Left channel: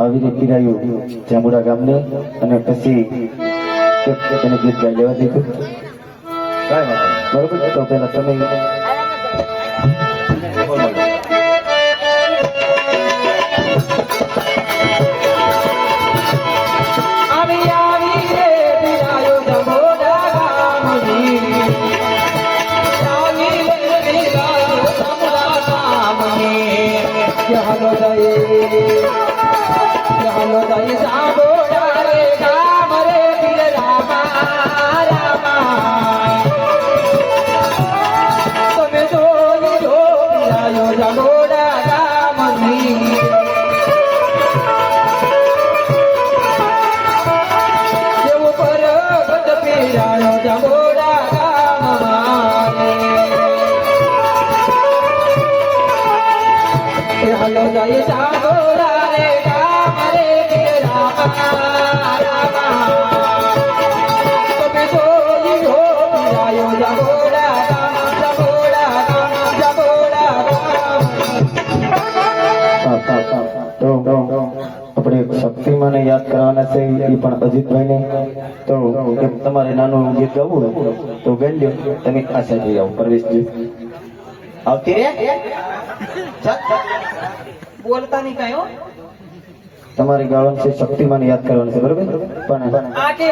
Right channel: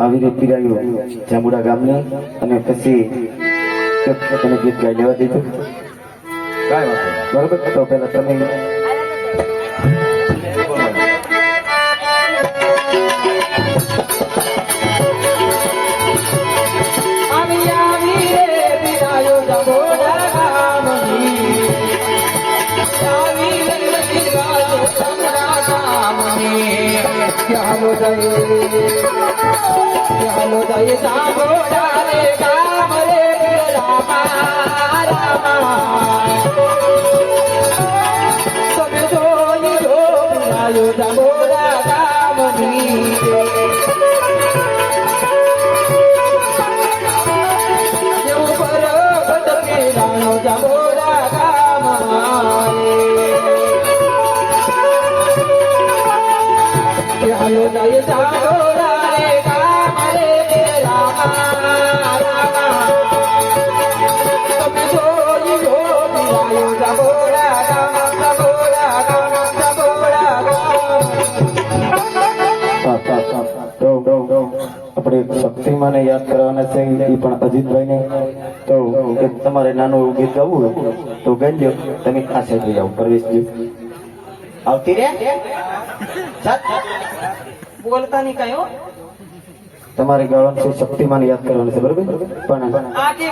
આવી રીતે પીરાયું જાંબુડા ગામની અને પછી એને ગીત ગાઈ લેવા દીધું. બરોબર, તો પેલા તમે હલો જાય જાગોરા રે કામ રે તમે જોઈ હો આયો જાગોરા આપણે શક્તિમાને યાદ કરવાના છે એ પણ અજીતભાઈને. તો તમારે નાનું ગીત ગાવું તો ગાઈ લો. તમે આ સાઈડ આવો પરવેશજી. આવતી રે બોલતા નહીં કયો તમારે ગાવાનું છે, શક્તિમાન યાદ કરવાનું છે. બરોબર, પણ આ કે